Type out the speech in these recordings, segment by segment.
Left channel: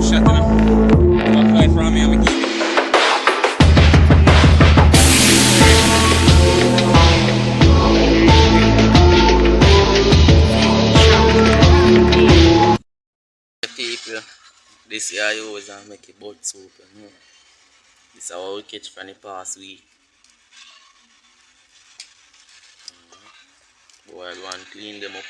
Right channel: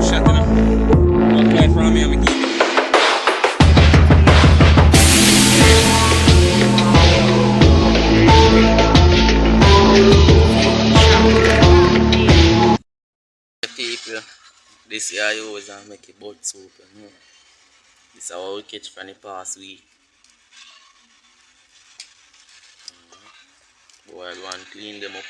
good shot, you know. Back fly from me, I'm keep it. People, this year I always make a boat soup. You know? This is how we catch from the past week. Boil one, clean them up.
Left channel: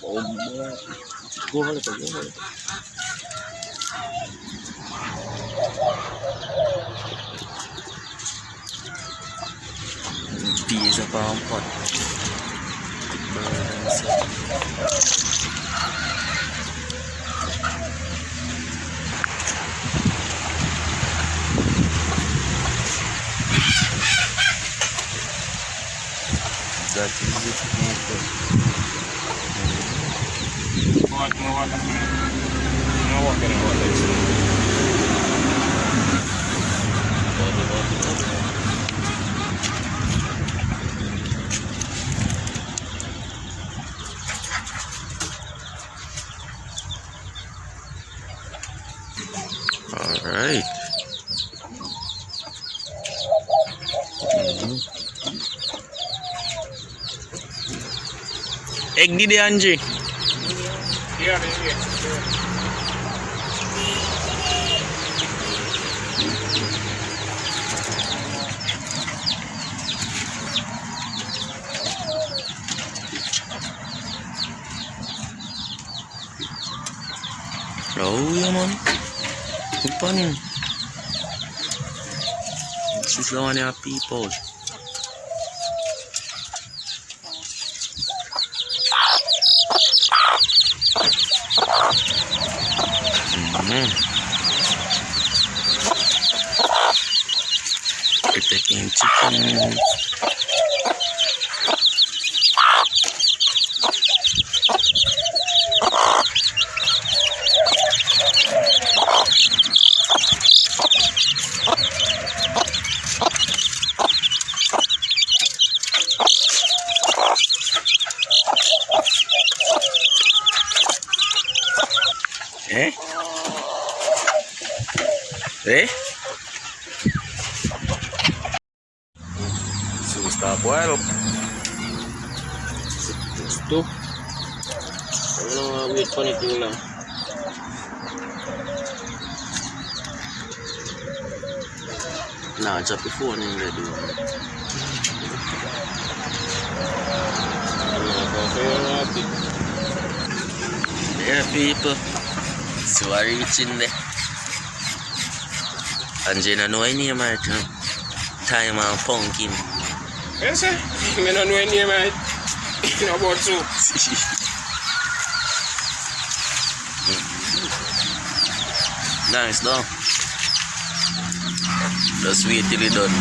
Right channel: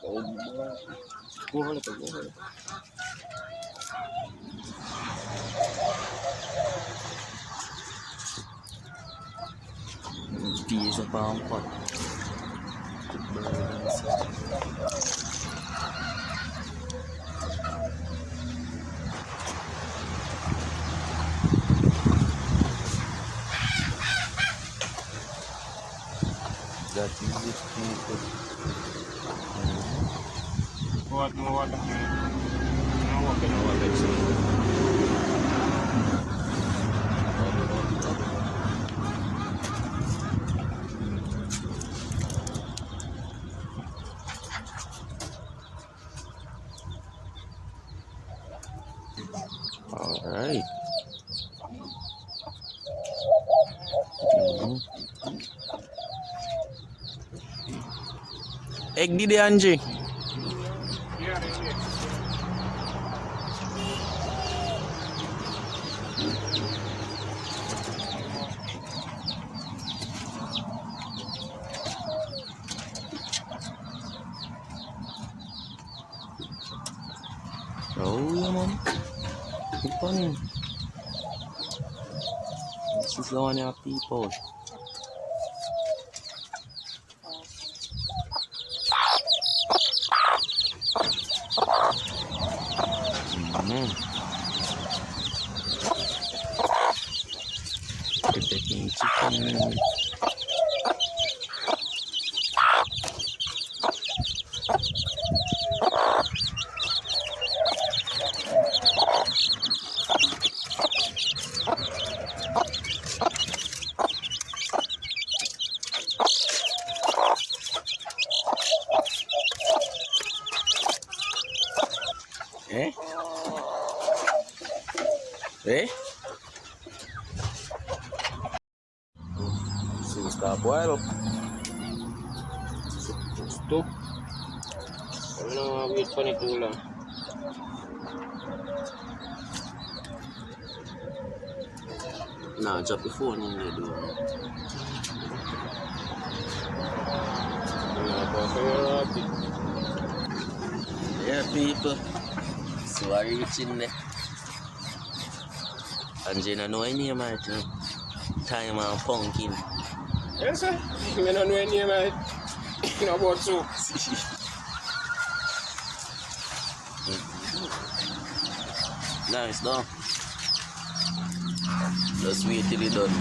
Go hold it, go hold it. Peas are palm pot. That is it. What more water? No water in water. Alright. Egg di Angie. Yeah. Oh yeah man. Kupanin. This is the one of people. We're taking chicken. Eh? Eh? So stop boil up. Stop. I don't want to wait for it too long. Nah, drop the phone in there, dude. Here people. So I reach in there. And you don't know any name right now. Time and pumpkin. Yes, sir. I don't know any name right. You know about soup. Nice though. Just wait till it's done.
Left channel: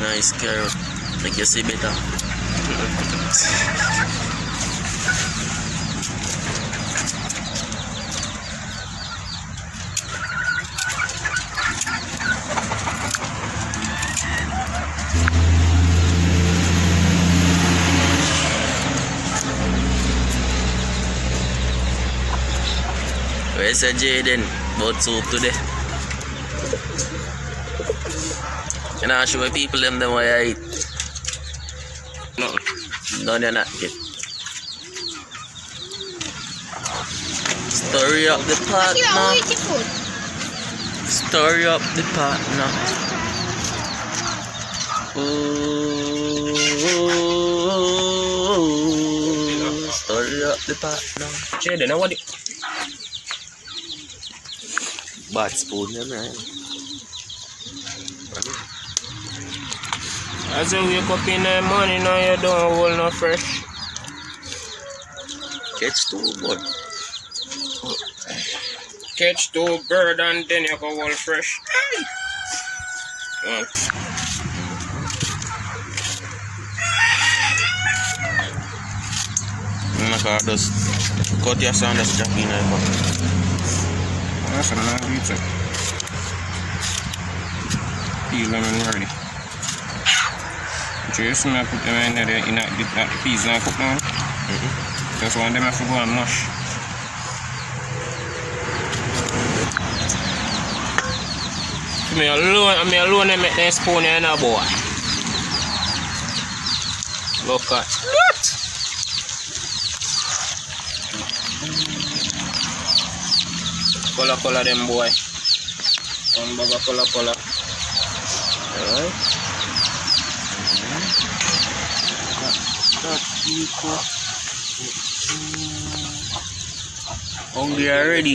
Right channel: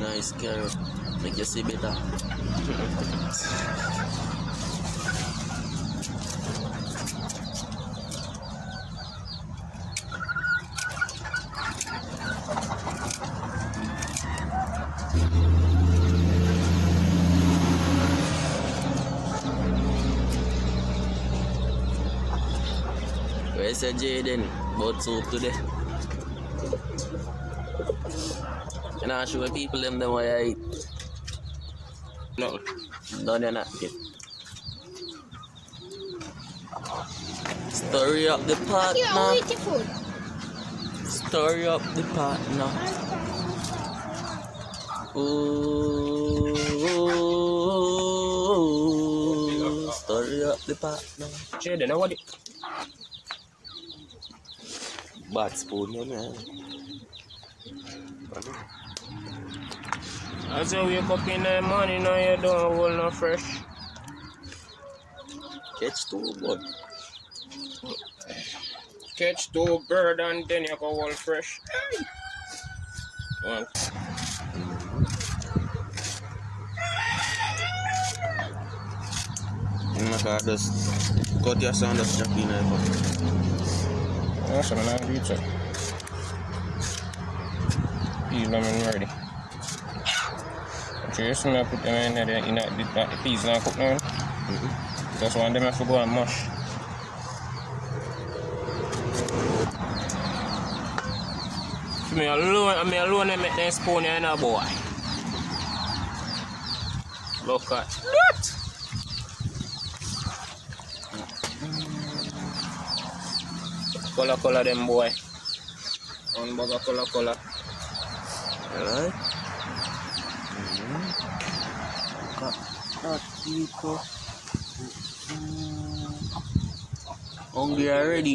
Nice carrot. Make you see better. Where's the Jaden? Boat soup today. You know, show people them what I eat. No, none of that get. Story up the pot now. Story up the pot now. Ooh, story up the pot now. Jaden, now what? Bad spoon, you know. As you wake up in the morning, now you don't hold no fresh. Catch two, boy. Catch two bird and then you go hold fresh. I'm not going to just cut your sound, just drop in there. That's what I'm going to do. Peel them and ready. Just I put them in there in that the peas now cook down. That's why them have to go and mash. Me alone and make that spoon in a boy. Look at that. Color them boy. One bag of color. Hungry already.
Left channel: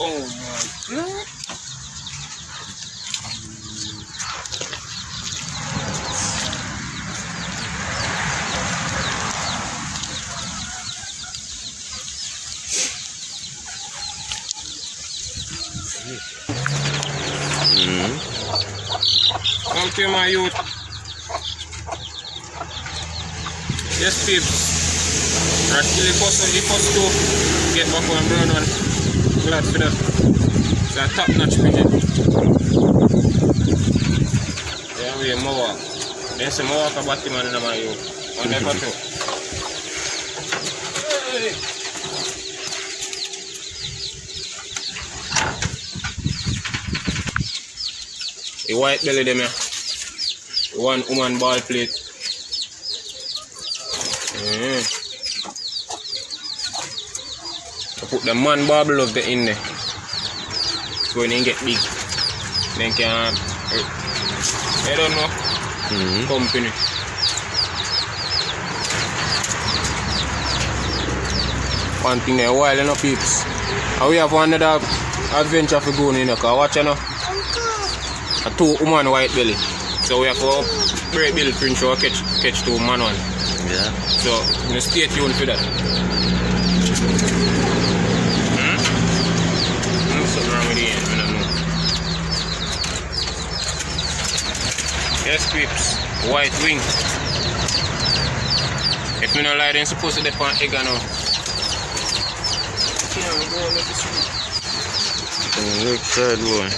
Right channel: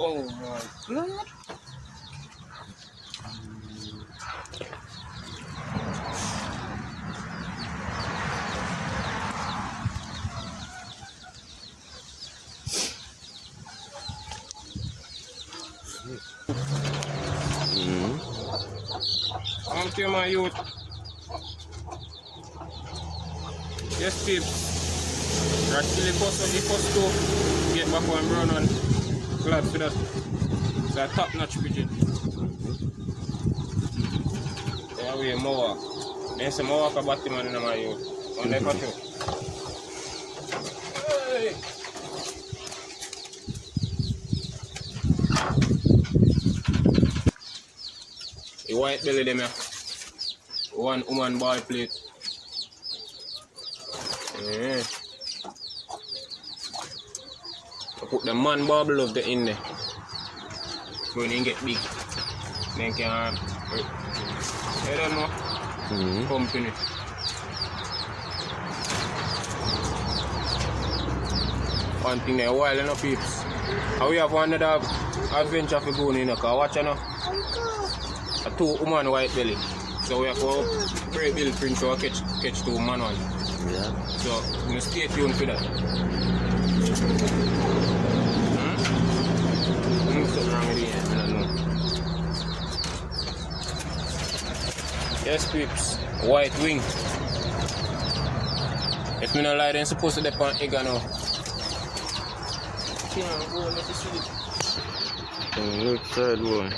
Oh my God. Come to my youth. Yes, peeps. Actually, the first to get back on brown one. Glad for that. It's a top notch pigeon. Yeah, we have more. Then some more for Batman in my youth. On the control. The white belly them here. One woman ball plate. I put the man barbel of the in there. So when they get big, then can I don't know. Company. One thing there, while you know peeps. And we have another adventure for going in, because watch you know. A 2 woman white belly. So we have to break bill print so catch 2 man one. Yeah. So you stay tuned for that. Something wrong with the end, I don't know. Yes peeps, white wing. If you don't like then supposed to dip on egg or no. Look side one.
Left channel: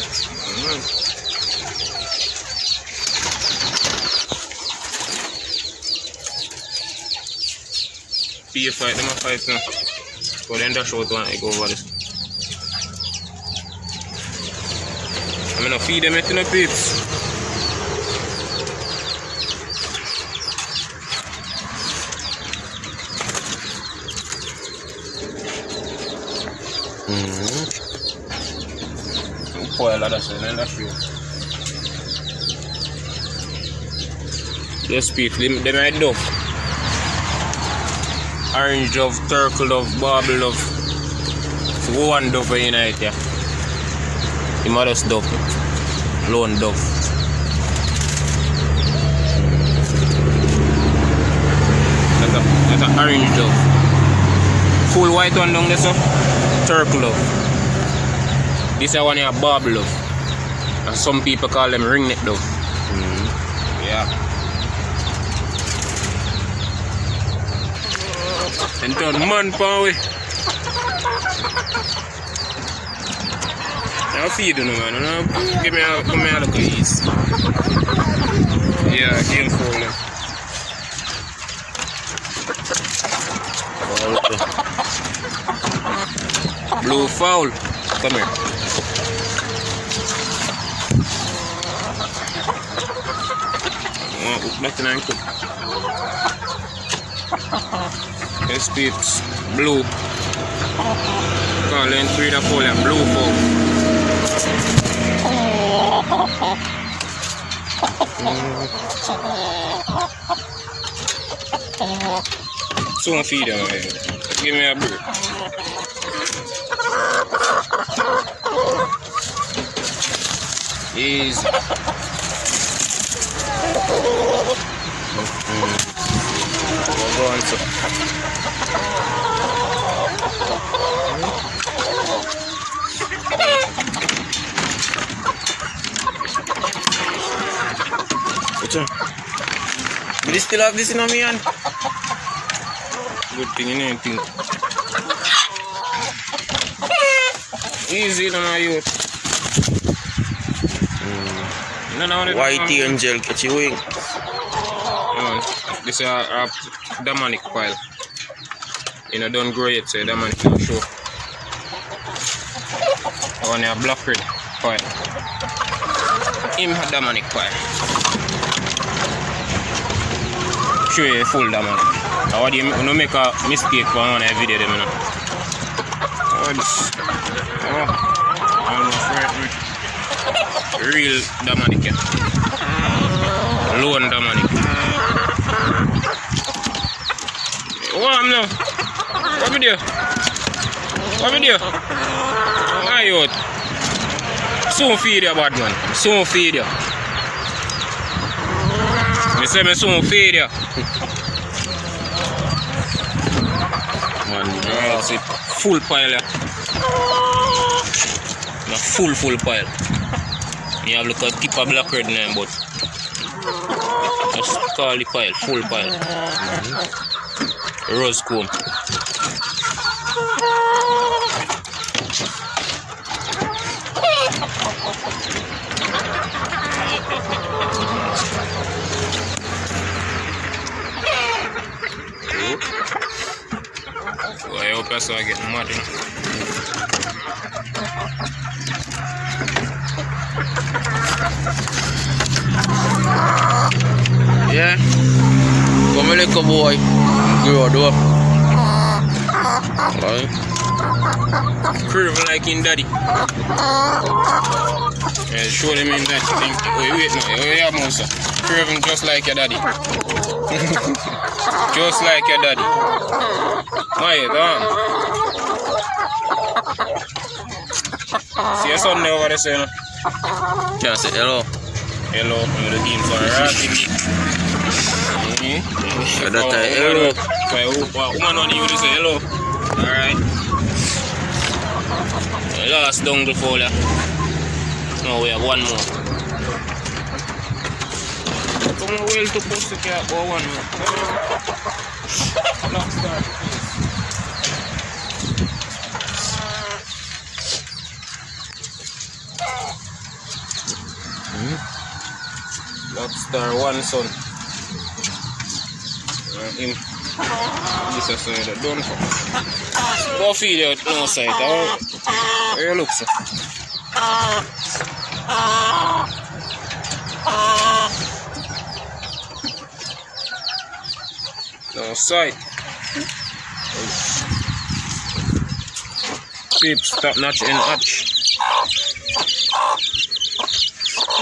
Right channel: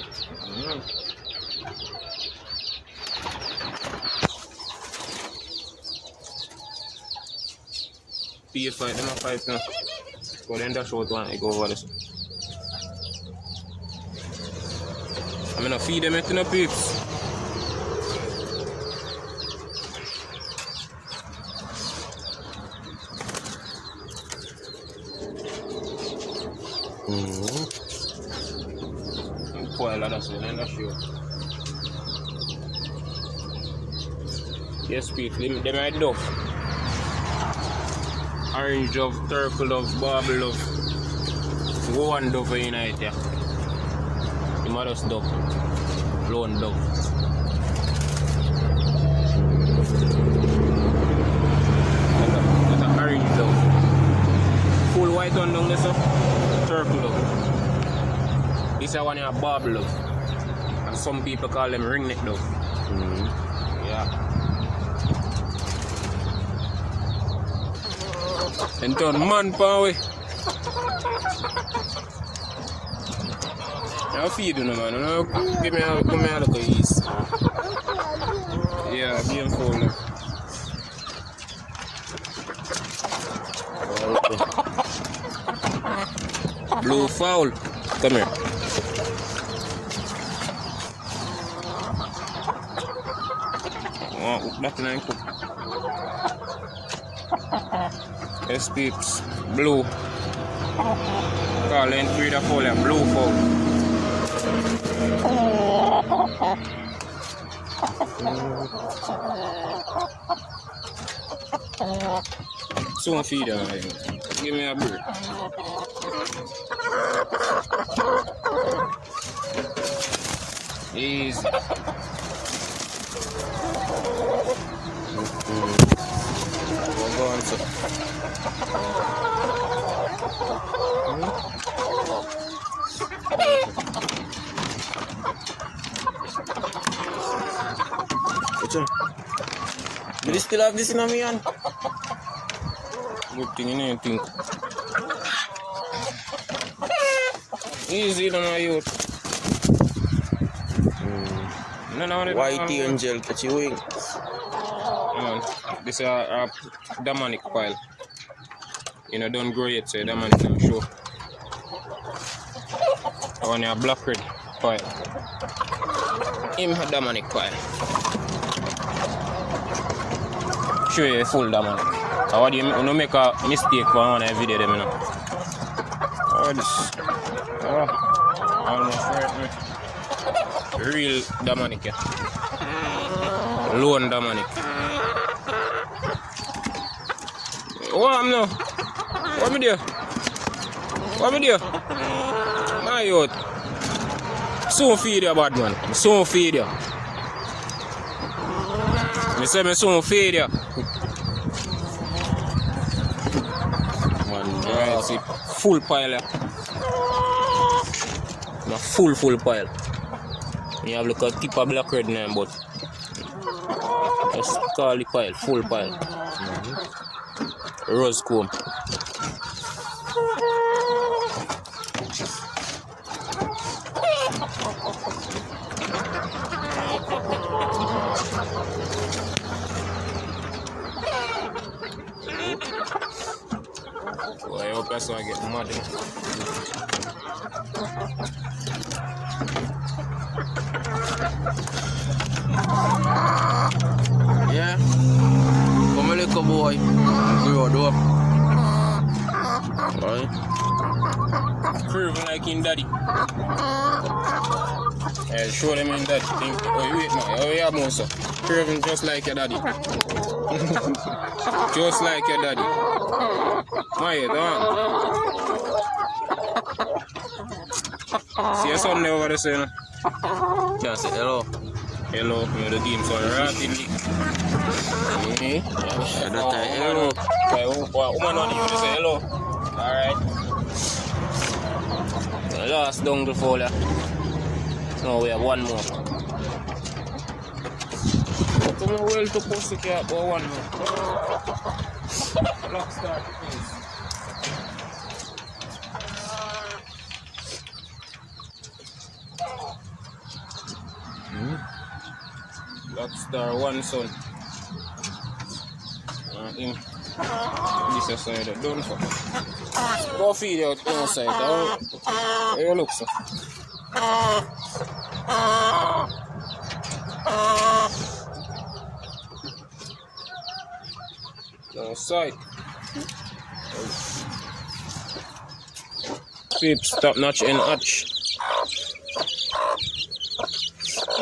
See you fight them a fight now. So then dash out one egg over this. I'm gonna feed them it in the peeps. Pour a lot of sun and that's real. Yes peeps, them are dove. Orange dove, turtle dove, barbel dove. So one dove in it here. The mother's dove. Lone dove. That's a orange dove. Full white one down there, so turtle dove. This is one here barbel dove. And some people call them ringneck dove. Yeah. And turn man power. Now feed you, man. Give me a little ease. Yeah, game phone. Blue fowl. Come here. Nothing I cook. Yes, peeps, blue. Call them 3 to 4 blue fowl. Soon feed them. Give me a break. Easy. Go on, sir. still have this in my hand. Good thing, you know, thing. Easy, you know, you. White angel, catch your wing. This is a demonic pile. You know, don't grow it, so demonic don't show. On a black red pile. Him a demonic pile. Show you a full demonic. How do you no make a mistake for one video them, you know? Oh, this. Oh, almost right. Real demonic, yeah. Lone demonic. What now? What video? What video? My youth. Soon feed you, bad man. Soon feed you. Me say me soon feed you. Alright, see. Full pile, yeah. A full pile. You have like a tip of black red name, but just call the pile, full pile. Rose comb. Well, I hope that's how I get mad. Yeah. Come like a boy. Grow up. Right. Curve like in daddy. Yeah, show them in daddy. Oh, wait now. Oh, yeah, Musa. Curving just like your daddy. Just like your daddy. Why, see your son there over there, say, Can I say hello? hello, the team's on right. That's a hello. Woman on you to say hello. Alright. Last dongle folder. Now we have one more. Come on, well to post the cat or one more. Lobster one son. Him. This is side done for. Go feed out no side. Where you look, sir? No side. Peeps, top notch and hatch.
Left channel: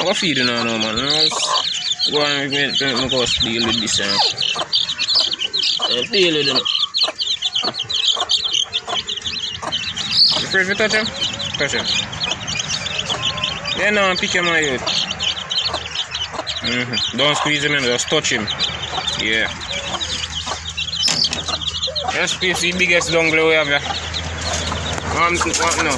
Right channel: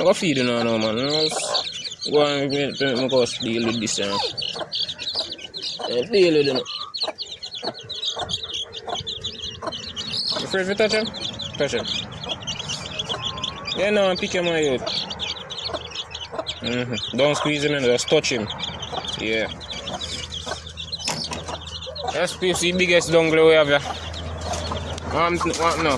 Go feed now, no man. Go and go deal with this. Deal with it. Afraid to touch him? Touch him. Yeah, no, pick him out. Don't squeeze him in, just touch him. Yeah. Let's place the biggest dongle we have here. What now?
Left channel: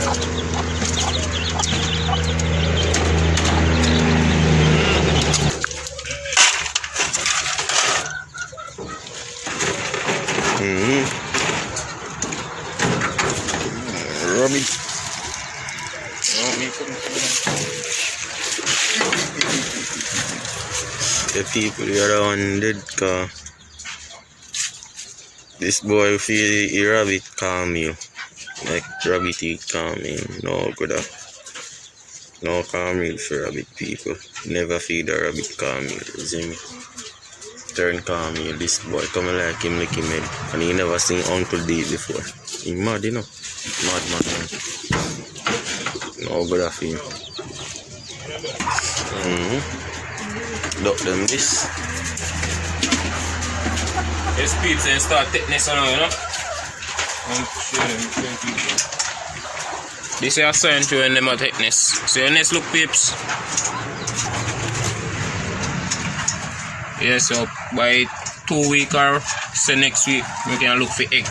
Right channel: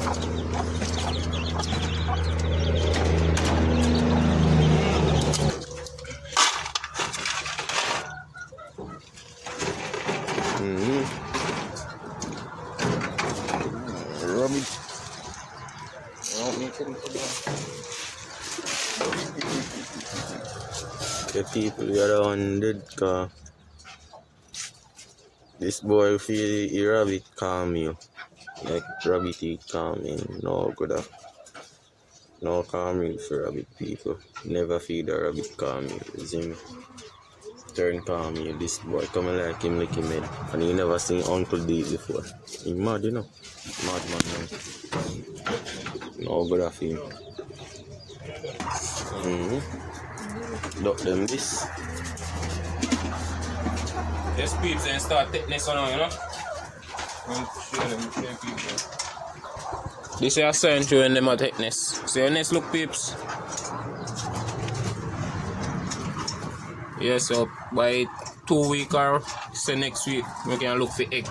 Rubbish. The people here are on dead car. This boy feel a rabbit calm you. Like rabbit he calm you. No good up. No calm meal for rabbit people. Never feed a rabbit calm meal. You see me? Turn calm here. This boy coming like him lick him head. And he never seen Uncle D before. He mad, you know. Mad man. No good of him. Duck them this. Yes, peeps, and start thickness on you know. This is a sign to when them are thickness. So your next look, peeps. Yeah, so by 2 weeks or say next week we can look for egg.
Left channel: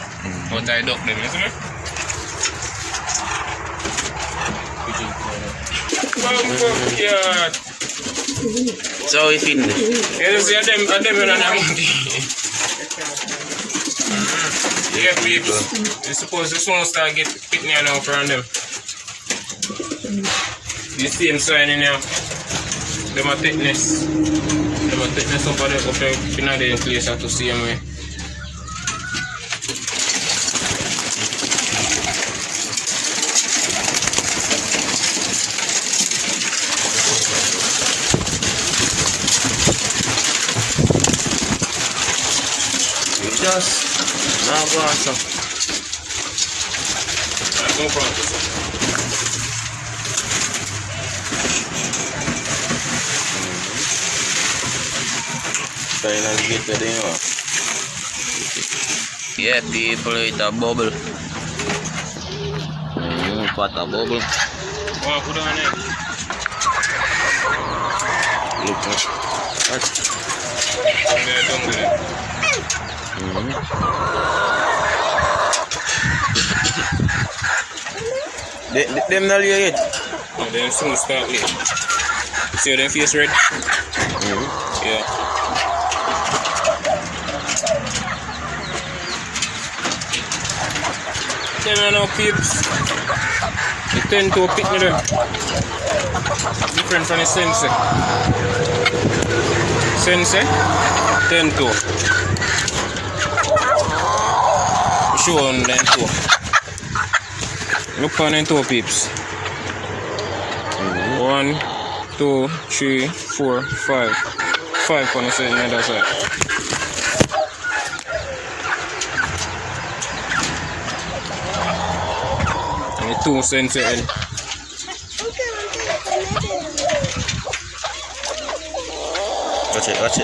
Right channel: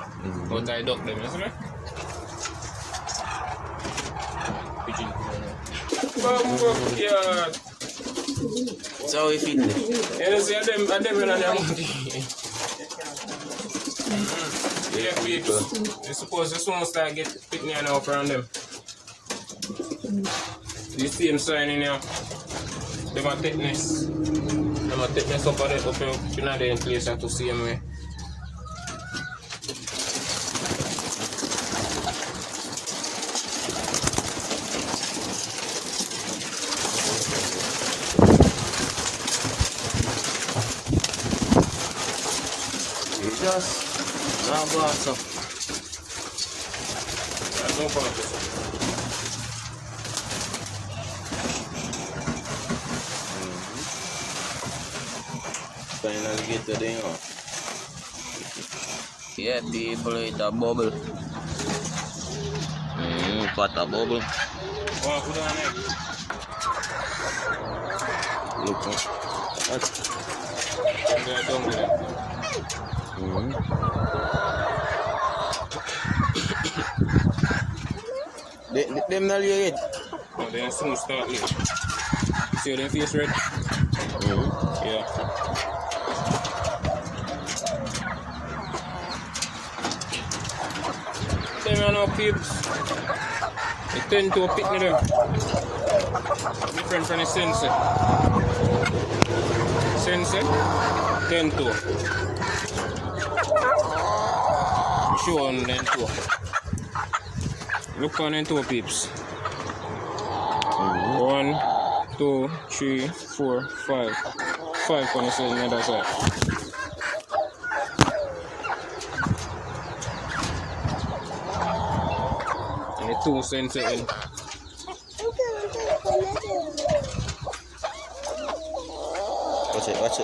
But I duck them, isn't it? Come, yeah. So if it You see them in them. Yeah, people. You suppose this one start get picking now from them. The same sign in here. Them a thickness. Them a thickness up there, up in the place at the same way. just now go on some. No problem. Finally get the thing off. Yeah, people, it's a bubble. What a bubble. Oh, put on it. Look at Yeah, don't do it. them not here yet. And then soon start late. See how their face red? Yeah. Them are no peeps. They tend to pick me them. Different from the sensei. Sensei, tend to. Show on them too. Look on them two peeps. 1, 2, 3, 4, 5. 5 on the side and the other side. And the 2 sensei in.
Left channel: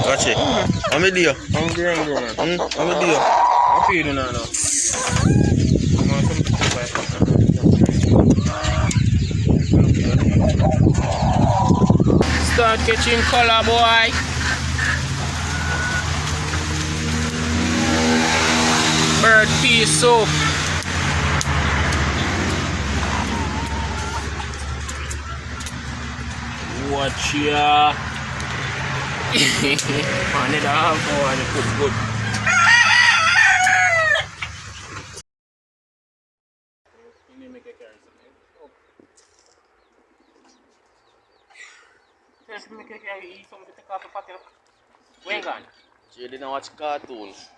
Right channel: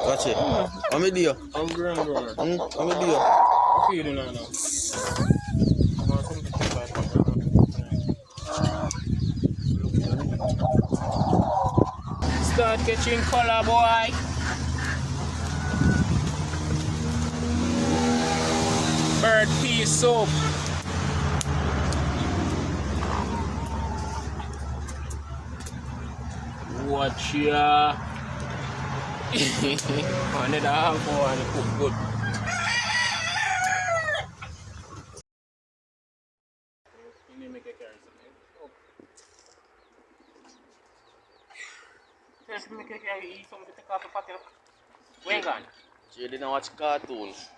Watch it. I'm a deal. Hungry, man. I'm a deal. I feed you now. Start catching color, boy. Bird pea soup. Watch ya. Man, it all go and it cook good. You need to make a carrot. Just make a carrot, eat something to take off the pocket. When gone? You didn't watch cartoons.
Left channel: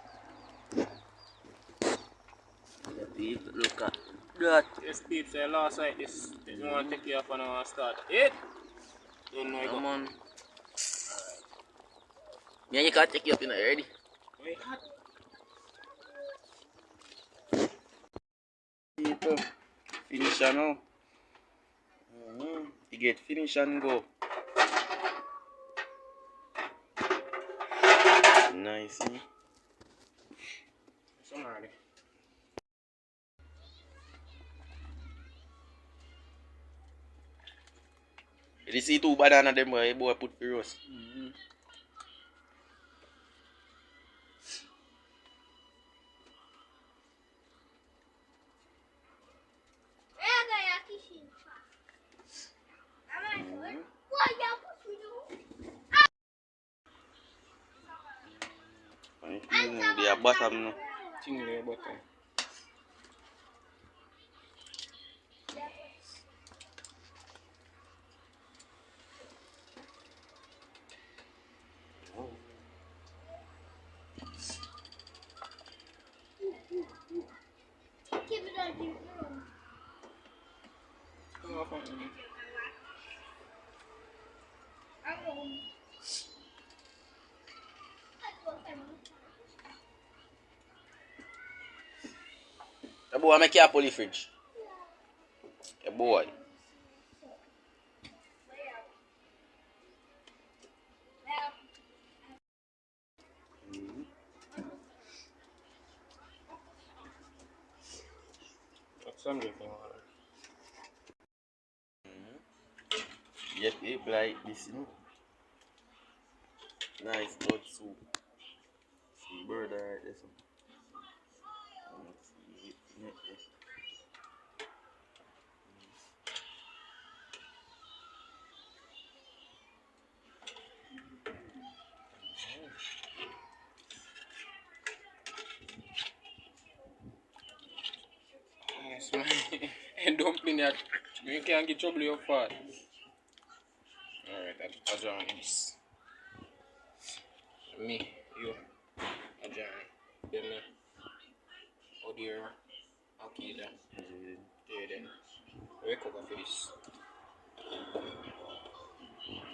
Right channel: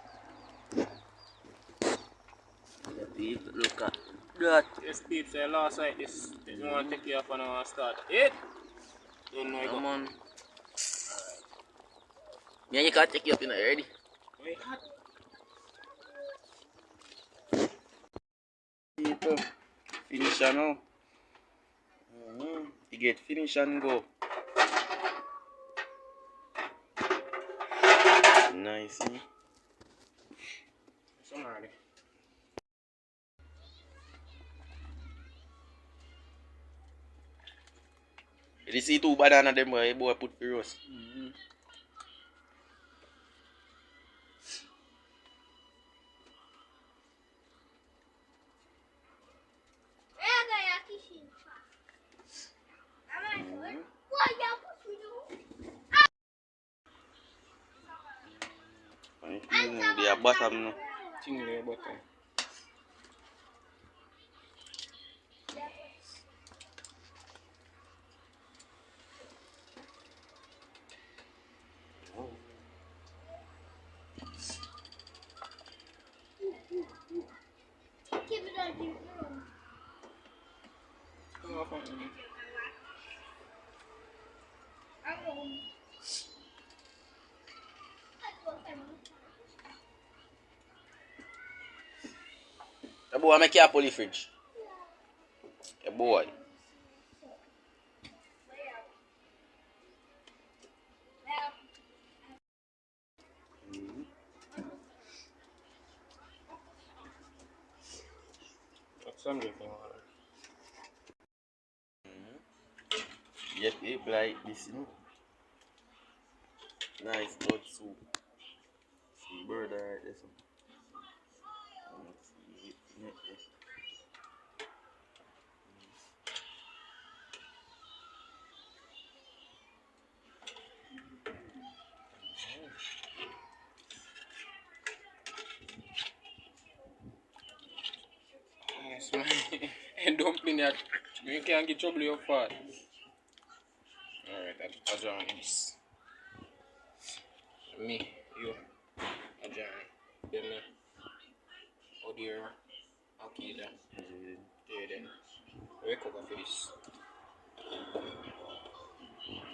Look at that. Yes, peeps, I lost like this. You want to take you off and I want to start. It? Don't know. Come on. Yeah, you can't take you up in already. Wait, hot. People, finish now. You get finish and go. Nice. Somebody. You see two banana them boy put for roast. They are bottom no. Tingle button. Come off on me. The boy make you a poly fridge. The boy. That's something for water. Yet it like this, you know. Nice blood soup. Some bird right there. And dumpling that you can't get trouble your fat. Alright, I'll join this. Me, you, I'll join. Then me. Oh dear. Okay then. Yeah then. Wake up for this.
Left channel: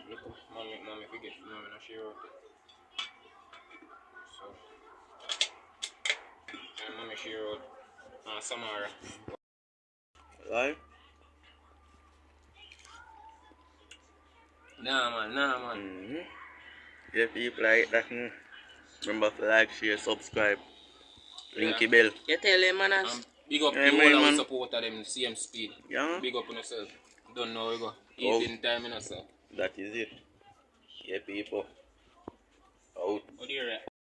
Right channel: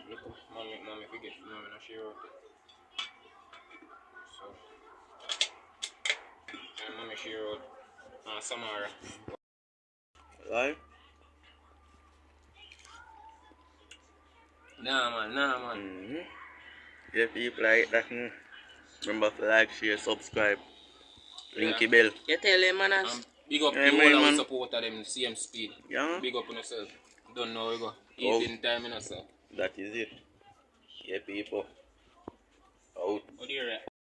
Look, mommy forget mommy no share out it. So and mommy share out Samara. Right? Nah man. Mm-hmm. Yeah, people like that. Remember to like, share, subscribe. Linky bell. You tell them man big up Yeah, the man, whole man. of support of them same speed. Yeah. Big up on yourself. Don't know where you go. Oh. Evening time in yourself. That is it. Yeah, people. Out. What do you reckon?